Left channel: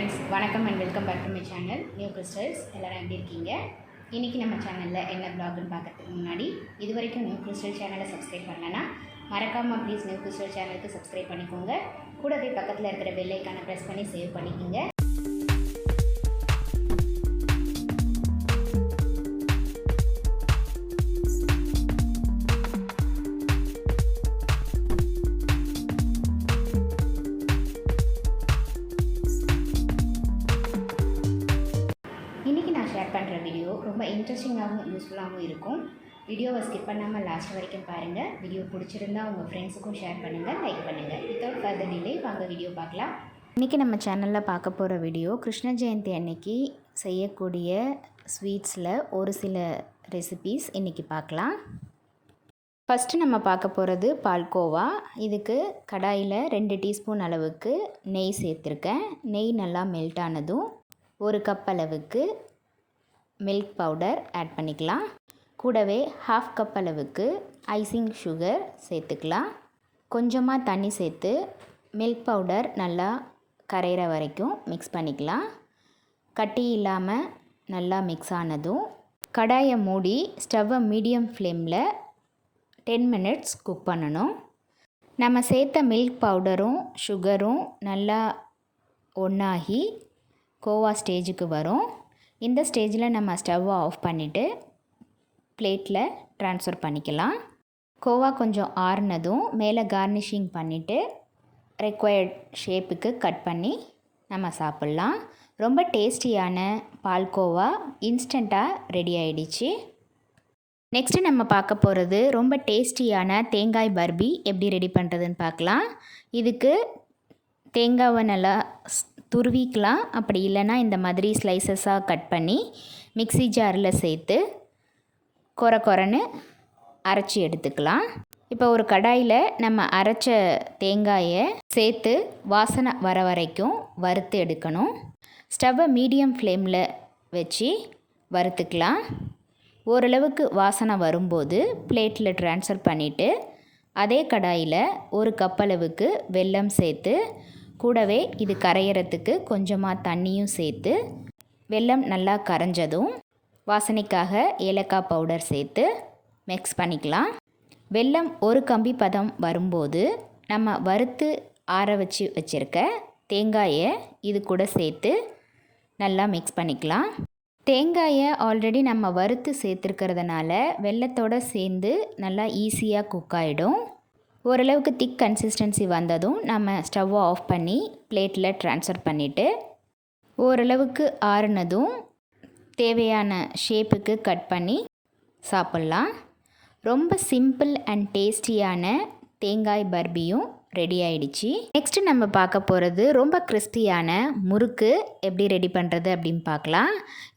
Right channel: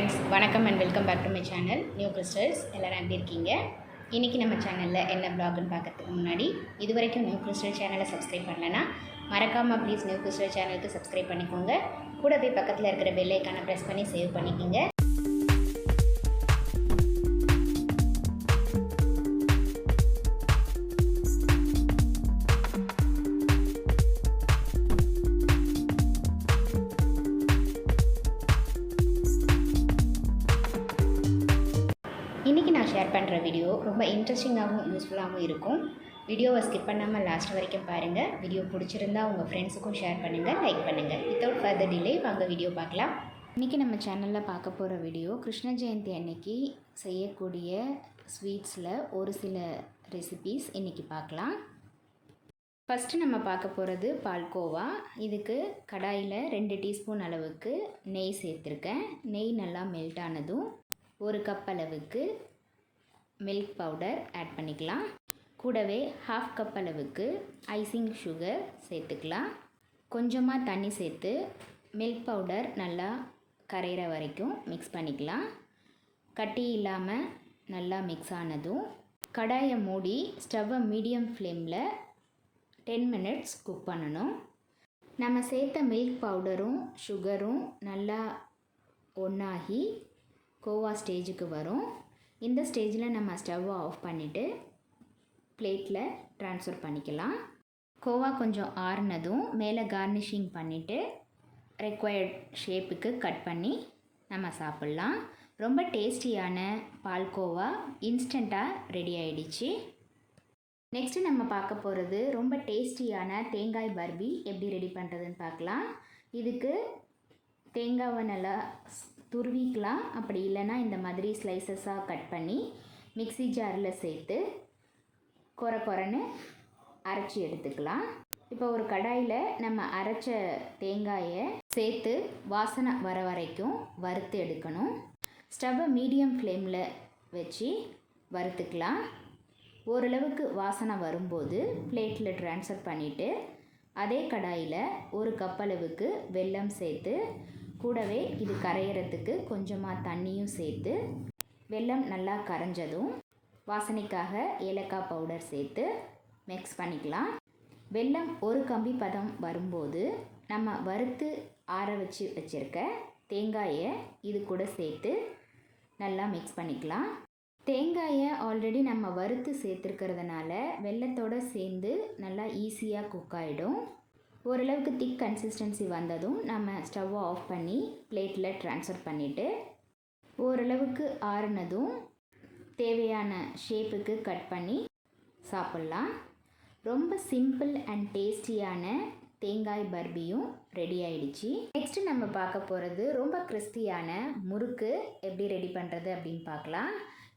Friends, வணக்கம் and welcome back to my channel New Crystals. எல்லோரும் எப்படி இருக்கீங்க? இன்றைக்கி நம்ம சேனலில் என்ன ப்ளாக்னு பார்க்கறதுக்கு முன்னாடி இது வரைக்கும் நியூ கிறிஸ்டல் சேனலை சப்ஸ்கிரைப் பண்ணலன்னா மறக்காமல் ப்ளீஸ் நியூ கிறிஸ்டல் சேனலுக்கு சப்ஸ்கிரைப் பண்ணிக்கோங்க. கூடவே பக்கத்தில் இருக்கிற பெல் ஐக்கானை ப்ரெஸ் பண்ணி சேவ் பண்ணிக்கோங்க. இன்றைக்கி நான் ஷேர் பண்ணுற வீடியோ ரொம்ப இன்ட்ரெஸ்டிங்காகவும் யூஸ்ஃபுல்லாகவும் இருக்கும். வீடியோவை ஸ்கிப் பண்ணாமல் லாஸ்ட் வரைக்கும் பாருங்கள். வீடியோ பிடிச்சிருந்தா உங்கள் ஃப்ரெண்ட்ஸுக்கும் ஷேர் பண்ணுங்கள், லைக் பண்ணுங்கள். வித்தவுட் ஃபர்தர் டிலே வாங்க வீடியோ பார்க்கலாம். இன்றைக்கி நம்ம சேனலில் பார்க்க போகிற வீடியோ கிருஷ்ண ஜெயந்தி அன்னைக்கு செய்யக்கூடிய ஸ்வீட்ஸில் ஒரு சில ரெசிபீஸ் இன்றைக்கி பார்க்கலாம். ஃபஸ்ட்டு நம்ம பார்க்க போகிறது பால்கோவா. இதுக்கு கடாயில் 2 டீஸ்பூன் அளவுக்கு நெய் சேர்த்துருக்கேன். நெய் நல்லா மெல்ட் ஆனதும் 1 கப் அளவுக்கு மில்க் பவுடர் ஆட் பண்ணிக்கலாம். கூடவே 1/2 கப் அளவுக்கு ஐசிங் சுகர் சேர்த்துக்கலாம். கொஞ்சமாக தண்ணி சேர்த்து மில்க் பவுடர் நல்லா கரையிற வரைக்கும் மிக்ஸ் பண்ணிக்கலாம். கட்டி இல்லாமல் நல்லா மிக்ஸ் ஆனதும் கடாயை மூடி ஸ்டவ்வை மீடியம் ஃப்ளேமில் 10 மினிட்ஸ் குக் பண்ணணும். நம்ம சேர்த்த மில்க் பவுடரும் சுகரும் நல்லா ஒன்றாகி கோவா ஸ்டேஜுக்கு வரும். இந்த ஸ்டேஜில் நம்ம ஸ்டவ்வை ஆஃப் பண்ணிவிட்டு பிளேட்டில் ட்ரான்ஸ்ஃபர் பண்ணிக்கலாம். கோவா கொஞ்சம் ஆறுனதும் மேலே கார்னிஷிங் பண்ணிவிட்டு ரெக்வயர்ட் ஷேப்புக்கு கட் பண்ணி நம்ம சாப்பிட்லாம். ரொம்ப டேஸ்டியான பால்கோவா இன்ஸ்டண்ட்டாக ரெடி ஆகிடுச்சு. நெக்ஸ்ட்டு நம்ம பார்க்க போகிறது ரொம்ப டேஸ்டியான தேங்காய் பர்பி எப்படி ரெடி பண்ணுறதுன்னு பார்க்கலாம். இதுக்கு தேங்காவை நல்லா துருவிக்கலாம். அப்படி இல்லைன்னா இந்த மாதிரி ஸ்லைசஸாக கட் பண்ணி மிக்ஸி ஜாரில் சேர்த்து கொரன்னு அரைச்சி எடுத்துக்கலாம். இப்போ ஒரு கடாயில் நம்ம அரைச்ச தேங்காயை சேர்த்து வாசனை வர வரைக்கும் வறுத்து எடுக்கணும். ஸ்டவ்வை மீடியம் ஃப்ளேமில் வச்சு வறுத்துக்கலாம். ஓரளவுக்கு வாசனை வரும்போது பிளேட்டில் ட்ரான்ஸ்ஃபர் பண்ணிவிட்டு அதே கடாயில் 1 கப் அளவுக்கு வெல்லம் சேர்த்து கூடவே இது கரையிறதுக்கு கொஞ்சமாக தண்ணியும் சேர்த்து வெல்லம் நல்லா கரைஞ்சதும் வாசனைக்காக ஏலக்காய் பவுடர் சேர்த்து மிக்ஸ் பண்ணிக்கலாம். வெல்லம் ஒரு கம்பி பதம் வரும்போது நம்ம வறுத்து ஆற வச்சுருக்க தேங்காயை இது கூட சேர்த்து நல்லா மிக்ஸ் பண்ணிக்கலாம். தேங்காயை ஆல்ரெடி நம்ம வறுத்து சேர்த்துருக்கிறதுனால வெல்லத்தோடு சேர்ந்து நல்லா ஈஸியாக குக் ஆகிடும். ஓரளவுக்கு திக் கன்சிஸ்டன்சி வந்ததும் நம்ம ஸ்டவ்வை ஆஃப் பண்ணி பிளேட்டில் ட்ரான்ஸ்ஃபர் பண்ணிவிட்டு ஓரளவுக்கு ஆறுனதும் தேவையான ஷேப்புக்கு கட் பண்ணி சாப்பிட்லாம். ரொம்ப சிம்பிள் அண்ட் டேஸ்டியான தேங்காய் பர்பியும் ரெடி ஆகிடுச்சு. நெக்ஸ்ட்டு நம்ம பார்க்க போகிறது ரொம்ப கிறிஸ்பியான முறுக்கு எப்படி ரெடி பண்ணுறது அப்படின்னு பார்க்கலாம்.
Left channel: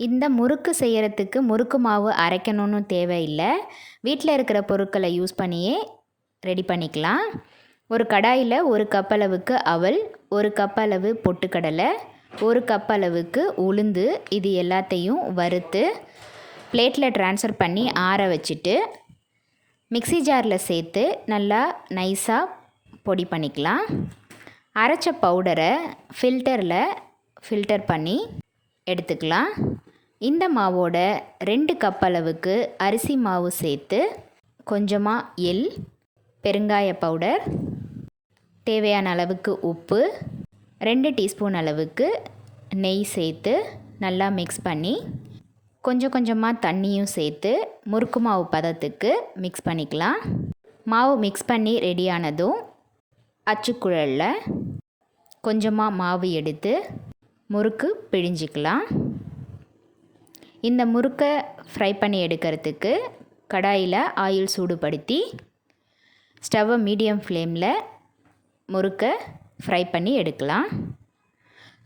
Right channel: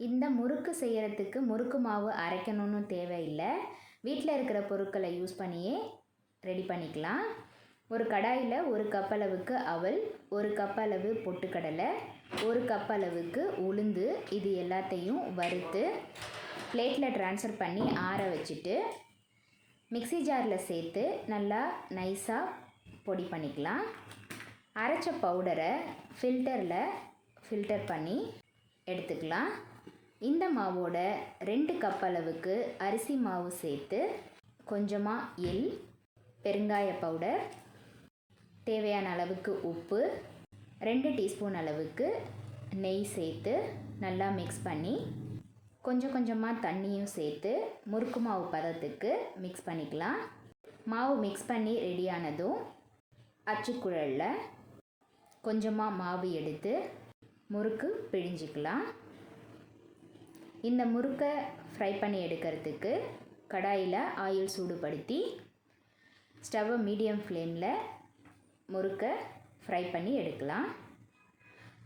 இந்த முறுக்கு செய்கிறதுக்கு முறுக்கு மாவு அரைக்கணும்னு தேவையில்லை. வீட்டில் இருக்கிற பொருட்களை யூஸ் பண்ணியே ரெடி பண்ணிக்கலாம். ஒரு கடாயில் 1 கப் அளவுக்கு அவல், 1 கப் அளவு பொட்டுக்கடலை, 1 கப் அளவுக்கு உளுந்து இது எல்லாத்தையும் வறுத்து பிளேட்டில் ட்ரான்ஸ்ஃபர் பண்ணி ஆற வச்சுட்டு மிக்ஸி ஜாரில் சேர்த்து நல்லா நைஸாக பொடி பண்ணிக்கலாம். அரைச்ச பவுடரை ஃபில்டர் பண்ணி எடுத்துக்கலாம். இந்த மாவோட 2 கப் அளவுக்கு அரிசி மாவு சேர்த்து கொஞ்சமாக எள், பெருங்காய பவுடர், தேவையான அளவுக்கு உப்பு, 2 டீஸ்பூன் அளவுக்கு நெய் சேர்த்து நல்லா மிக்ஸ் பண்ணி கொஞ்சமாக தண்ணியும் சேர்த்து முறுக்கு மாவு பதத்துக்கு மிக்ஸ் பண்ணிக்கலாம். மாவு மிக்ஸ் பண்ணி ரெடியானதும் அச்சுக்குழலில் கொஞ்சமாக மாவு எடுத்து முறுக்கு பிழிஞ்சிக்கலாம். இந்த முறுக்கை ஃப்ரை பண்ணி எடுக்கிறதுக்கு கடாயில் ஆயில் சூடுபடுத்தி ஸ்டவ்வை மீடியம் ஃப்ளேமில் முறுக்கை ஃப்ரை பண்ணி எடுக்கலாம்.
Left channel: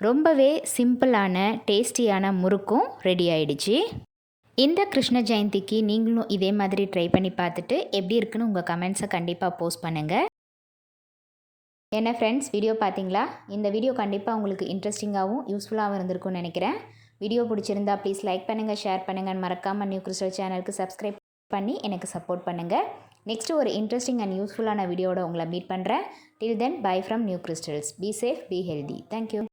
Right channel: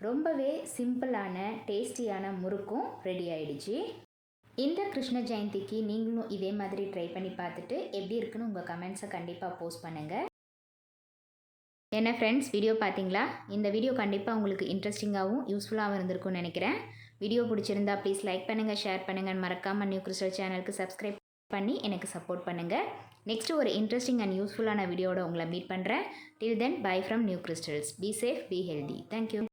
ரொம்பவே சிம்பிளான டேஸ்டியான முறுக்கும் ரெடி ஆகிடுச்சு. இந்த கிருஷ்ண ஜெயந்திக்கு நீங்களும் இதே மாதிரி ட்ரை பண்ணி பார்த்துட்டு எப்படி இருக்குன்னு உங்கள் கமெண்ட்ஸை கண்டிப்பாக போஸ்ட் பண்ணுங்கள். என்ன ஃப்ரெண்ட்ஸ், வீடியோ பார்த்தீங்களா? இந்த வீடியோ கண்டிப்பாக உங்களுக்கு இன்ட்ரெஸ்டிங்காகவும் யூஸ்ஃபுல்லாகவும் இருந்திருக்கும்னு நினைக்கிறேன். வீடியோ பிடிச்சிருந்தா ப்ளீஸ் லைக் பண்ணுங்கள், ஷேர் பண்ணுங்கள். மறக்காமல் நியூ கிறிஸ்டல் சேனலுக்கு சப்ஸ்கிரைப் பண்ணி எனக்கு சப்போர்ட் பண்ணுங்கள். நெக்ஸ்ட்டு ஒரு இன்ட்ரெஸ்டிங் அண்ட் யூஸ்ஃபுல்லான வீடியோட உங்களை மீட் பண்ணுறேன். Till then, bye from New Crystals. Be safe, be healthy. Thank you.